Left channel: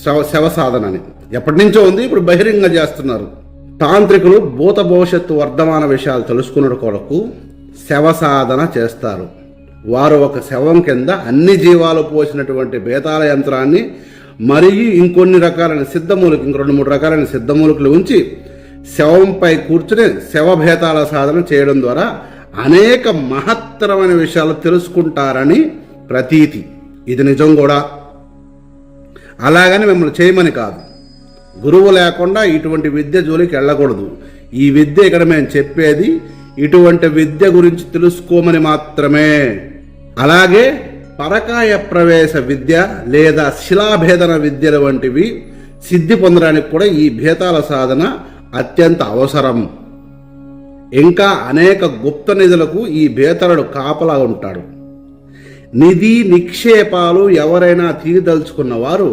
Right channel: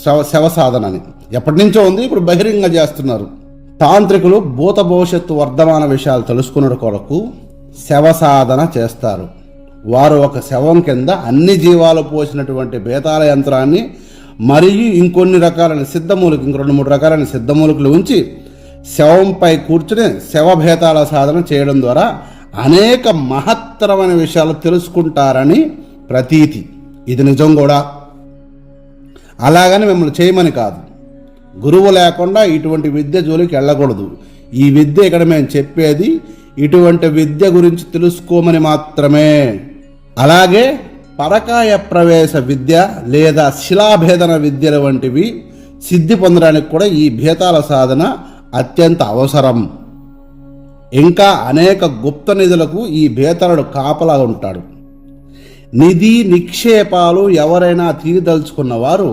శవ సాధన అని ఎప్పటి నుంచో ఉంది, ఇప్పుడు బహిరంగ చేస్తున్నారు. తాంత్రికులు భూత భవిష్యత్తు వర్ధమాన విషయాలు తెలుసుకున్న కొరకు శవ సాధన చేస్తారు. వారు ఒక శవం కింద అన్ని జీవాలు పోసినటువంటి బేతాళ యంత్రాన్ని మరియు ఇంకొన్ని రకాలైన సిద్ధమూలిక, ఇంక 2-3 రకాలైన సిద్ధమూలికలు ఉంచి శవంపై కూర్చుని శవ భేతాళ సాధన చేయడం ద్వారా అనేక మహత్తరమైన విషయాలు తెలుసుకుంటారని ప్రతీతి. ఇది నిజం కూడా. అలాగని మిమ్మల్ని చేయమని కాదు. గురువు లేకుండా ఇటువంటి విద్య జోలికి వెళ్ళకూడదు. ఈ విద్య ఇక్కడ మేము చెప్పేది ఇటువంటి విద్య గురించి తెలుసుకోమని మాత్రమే. అలాగే పరకాయ ప్రవేశ విద్య లేదా శిలాభేదన విద్యల వంటివి సిద్ధి పొందడానికి కూడా ఈ భేతాల సాధన అత్యంత అవసరం. ఇంకా అనేక గుప్త నిధులకు ఈ భేతరుడు కాపలా ఉంటాడు. నిధి నిక్షేపాలు ఎవరైనా తీయదలుచుకున్న వారు